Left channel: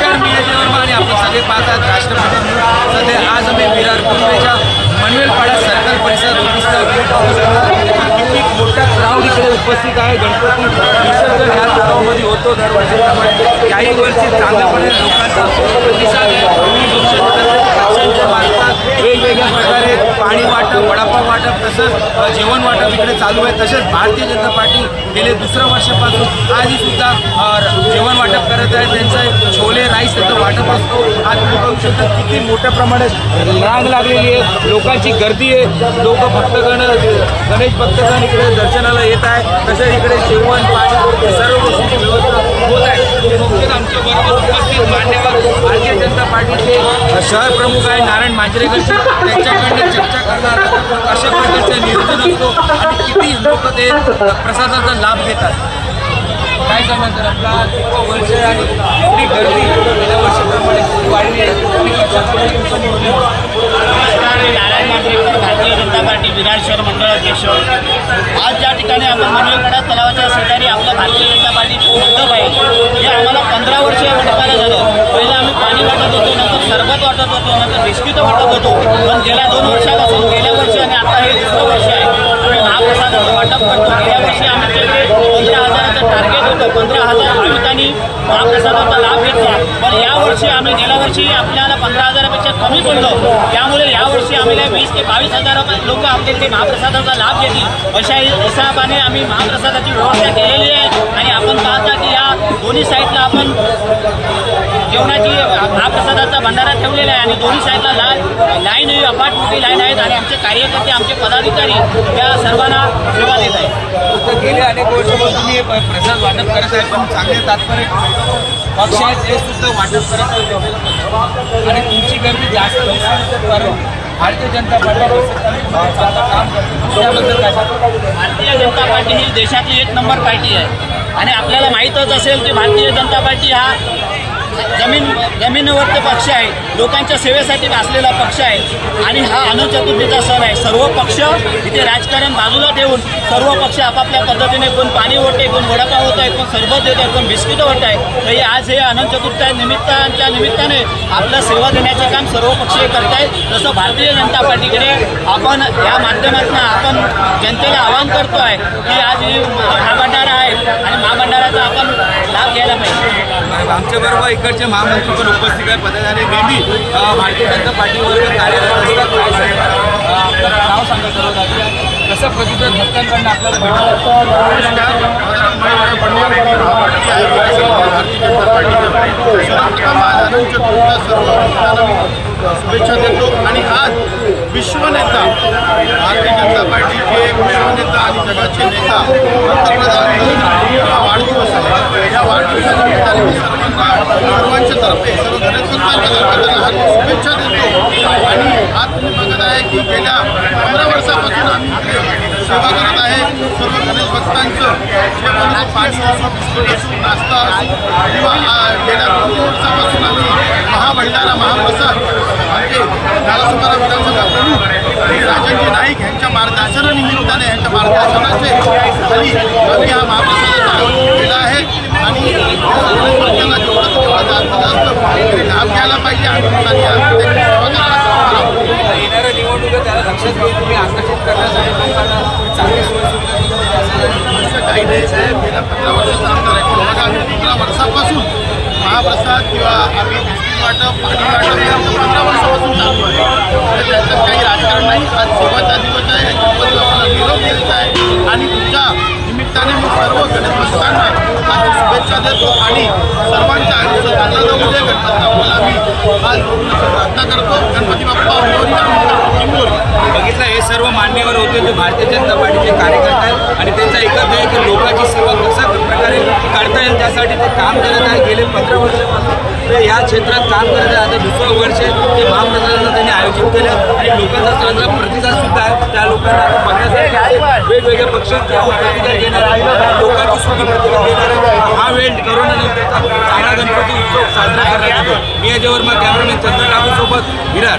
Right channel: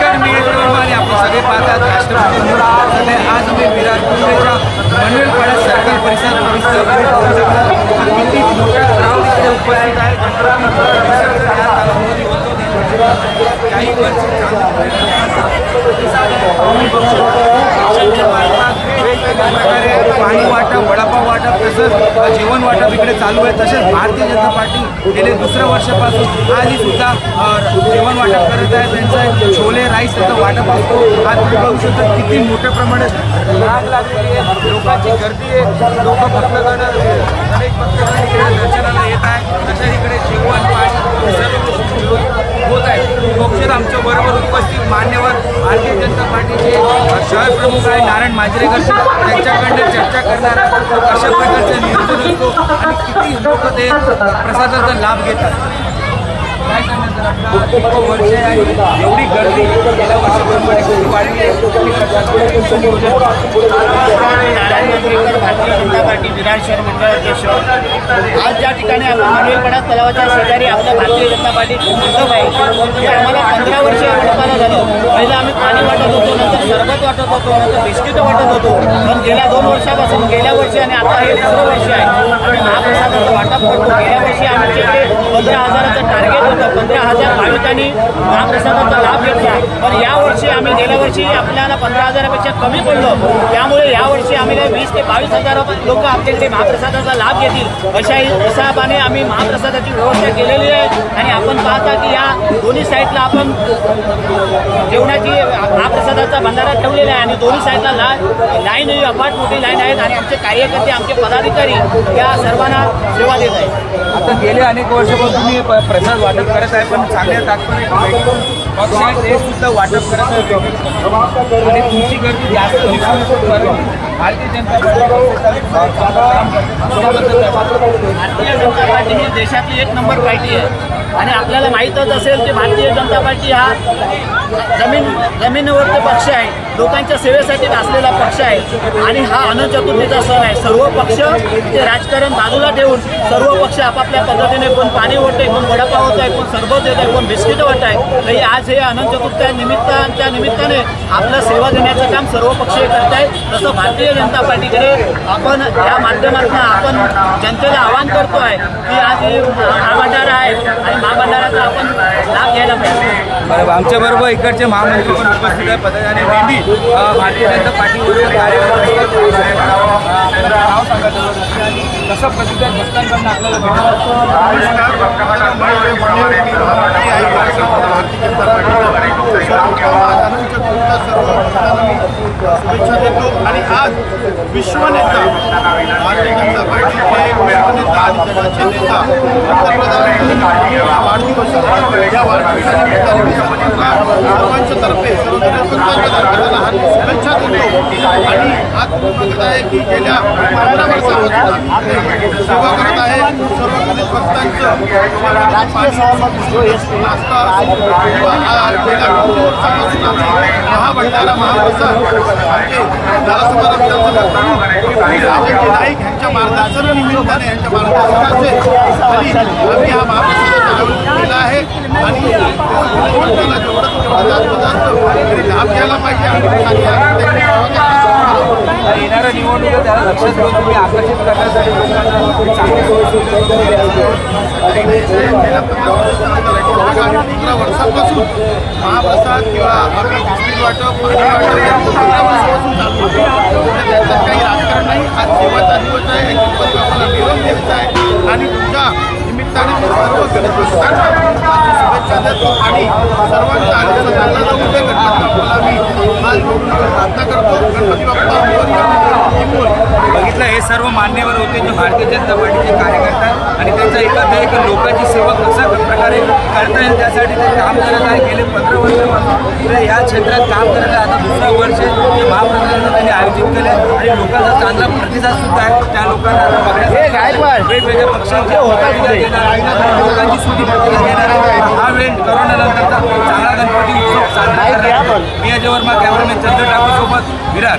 नमस्कार, मी अजय वर्मा आणि आपण सगळे पाहतात राष्ट्रप्रथम न्यूज। सध्या आज आम्ही विरार पूर्वेच्या मनवेलपाडा सर्कल परिसरात उपस्थित आहोत। तुम्ही बघू शकता किती मोठ्या संख्येने उपस्थित आहे। गणपती होतो दरवर्षी, काही वर्षी चांगल्यापणे लोकांचा प्रतिसाद आहे। तुम्ही बघू शकता पाणी वाटप, वडापाव वाटप तसंच जेवण वाटप इकडे चालू आहे। तसेच भारतीय जनता पार्टी गेले दुसऱ्या वर्षापासून आजही सुद्धा जेवण वाटप करत आहे। त्यांचा छोले राईस त्याचं वाटप असतो। आज तुम्ही बघू शकता किती मोठ्या प्रमाणात रांग लागलेली आहे, लोकांची गर्दी आहे। गणेश भक्तांच्या दर्शनाला येत आहेत। तसेच इकडे जेवण सर्व गोष्टींची व्यवस्था होत आहे। फक्त आमच्या बरोबर उपस्थित मान्यवर भारतीय जनता पार्टीचे शहर प्रमुख आहे नारायण मांजरेकर, त्यांच्याकडे चर्चा करणार आहे कशा प्रकारचं नियोजन असतो आणि किती लोक ते प्रसादाचा लाभ घेतात। काय सांगणार सर, आपला 30 वर्ष आहे आणि एवढी गर्दी गेल्या वर्षाप्रमाणे किती वाढली आहे आणि कशा पद्धतीचं नियोजन? नमस्कार, मी नारायण मांजरेकर, भारतीय जनता पार्टी विरार शहर मंडळ अध्यक्ष। आज ज्या ठिकाणी आपण मनवेलपाडा तलावाच्या शेजारी आपलं भारतीय जनता पार्टीचं मंडप आहे, हे आम्हाला 15 वर्ष या मंडपाला झालं। पहिलं आम्ही पाणी वाटत होतो, नंतर सरबत वाटत होतो, नंतर बिस्किट वाटत होतो। पण गेल्या 2 वर्षापासून, गेल्या वर्षी आणि आता हे दुसरं वर्ष आहे, आम्ही महाप्रसादाचं वाटप करतो। गेल्या वर्षी आमच्याकडे 15,000चं टार्गेट होतं, 15,000 भाविकांनी महाप्रसादाचा लाभ घेतला। पण यावर्षी आम्ही गेल्या वर्षी आपल्याला 15,000पेक्षा कमी पडलो, त्यामुळे यावर्षी आम्ही 20,000 ते 22,000 लोक आपल्याकडे महाप्रसादाचा लाभ घेतील अशा हिशोबाने आम्ही महाप्रसादाची व्यवस्था केलेली आहे। आणि आपण पाहता की या दोन्ही साईडला आपण जेवणाची महाप्रसादाचा भंडारा ठेवलेला आहे आणि दोन्ही साईडला लाईन ही अफाट मोठी लाईन आहेत आणि आमचे कार्यकर्ते, आमचे पदाधिकारी त्या सर्वांना सेवा देत आहेत। गेल्या अनेक वर्षापासून तुम्ही हे प्रसाद वाटप करत आहे, पण चांगल्या तात्पर्य पक्ष आहे ते सुद्धा वाटप करत आहे आणि तुमची गर्दी जास्त दिसून येते, परंतु भारतीय जनता पार्टी वसई तालुक्यामध्ये चांगलं काम करते। त्याबद्दल काय सांगतो? भारतीय जनता पार्टी ही देशातली 1 नंबर पार्टी आहे आणि आपल्याला माहीतच असेल की भारतीय जनता पार्टी हा जमिनीवरचा पक्ष आहे, लोकांच्या सेवेसाठी असलेला पक्ष आहे आणि हा अनंत चतुर्थीचा सण आहे। सर्व पक्ष इथे राजकारण बाजूला ठेवून सर्व पक्ष आपापल्या पद्धतीने कोण पाणी ओढते, कोण वडापाव होत आहे, कोण सरबत देत आहे, कोण बिस्किट वाटत आहे। तरी आज हे अनंत चतुर्थी निमित्ताने आपलं सेवा देण्याचं काम सर्व पक्ष करत आहेत। तसं भारतीय जनता पार्टीकडे आपण या माध्यमातून आपण जनतेला आवाहन करतो आहे की आज ही महाभंडारा आहे आणि महाभंडाराचा आपण लाभ घ्यायला पाहिजे। आमच्याबरोबर इकडचे महामंत्री पण उपस्थित आहे, पदाधिकारी मेंढी भारतीय जनता पार्टीबरोबर कार्यरत असतात। आपलं नाव सांगायचं होतं आणि कसं प्रतिसाद भक्तांकडून आपल्याला भेटत? नमस्कार, माझं नाव महेश पंडित, मी महामंत्री आहे विरार शहर भारतीय जनता पार्टीचा। सर्वप्रथम आज अनंत चतुर्थीच्या सर्व भक्तांना मी शुभेच्छा देतो आणि आज विश्वनेता भारतीय जनता पार्टीचे विश्वनेता आणि जगाचे नेता पंतप्रधान नरेंद्र मोदींचा वाढदिवस आहे। या वाढदिवसानिमित्ताने मी सर्वांच्या तर्फे, सर्व गणेश भक्तांच्या तर्फे त्यांना हार्दिक शुभेच्छा देतो। आणि आज तुम्ही बघत आहे की गेल्या 15 वर्षापासून आम्ही इकडे सेवा करत आहे। सर्व गणेश भक्तांचं जेवण, पाणी असो, बिस्किट असो, नाश्ता असो किंवा गेल्या 2-3 वर्षापासून आम्ही महाभंडारा, महाप्रसाद आमचे नारासोपारा विधानसभा प्रमुख श्री राजनजी नाईक यांच्या मार्गदर्शनानिमित्ताने, यांच्या मार्गदर्शनाचे खाली आम्ही हा महाप्रसादाचं आयोजन केलं आहे आणि गणेश भक्तांना जेवढं जास्त तरी लाभ घ्यायला पाहिजे। आम्ही त्यांची सेवा करायला सांगणार आहोत। येणाऱ्या निवडणुकीत त्याला लक्षात घेऊन तुम्ही आकर्षित करण्यासाठी लोकांना चांगली सोय सुविधा करून दिली असं काही नाही साहेब। गेल्या 15 वर्षाचा आमचा रेकॉर्ड बघा। आम्ही 15 वर्षापासून महाप्रसाद किंवा आम्ही बिस्किट वाटप, पाणी वाटप हे आमचं 15 वर्षापासून चालू आहे। तर त्याच्यात काही राजकारण नाही। आज सेवाचा दिवस आहे, गणपती बाप्पाला निरोप द्यायचा आहे आणि तुमच्या निमित्ताने मी सर्व गणेश भक्तांना आजची शुभेच्छा देतो आणि सर्वांचं आयुष्य चांगलं जाऊ दे। गणपती बाप्पाला मी हात जोडून प्रार्थना करतो। गणपती बाप्पा मोरया, मोरया। बघितलं, हे सर्व मान्यवर होते जे भारतीय जनता पार्टीचे कार्यकर्ते आहेत आणि त्यांचा एकच आहे की लोकांची सेवा कशा प्रकारे करता येईल त्यासाठी ते काम करत आहे। गेले 15 वर्षापासून ते या क्षेत्रात काम करत आहे। आता दुसरं वर्ष ते महाप्रसादाचं त्यांनी आयोजित केलं आहे आणि लोकांचा चांगला प्रतिसाद सुद्धा आहे। त्या लोकांना आता बघण्यासाठी वेगवेगळ्या पक्षांचे प्रतिसाद घेणार आहे आणि लोकांची सुखी प्रतिक्रिया घेणार आहे। हा वेळ करोनानंतरचा चांगला गणपती उत्सव साजरा करण्यात। मी अजय वर्मा, कॅमेरामॅन चंद्र ठाकूर सोबत विरार।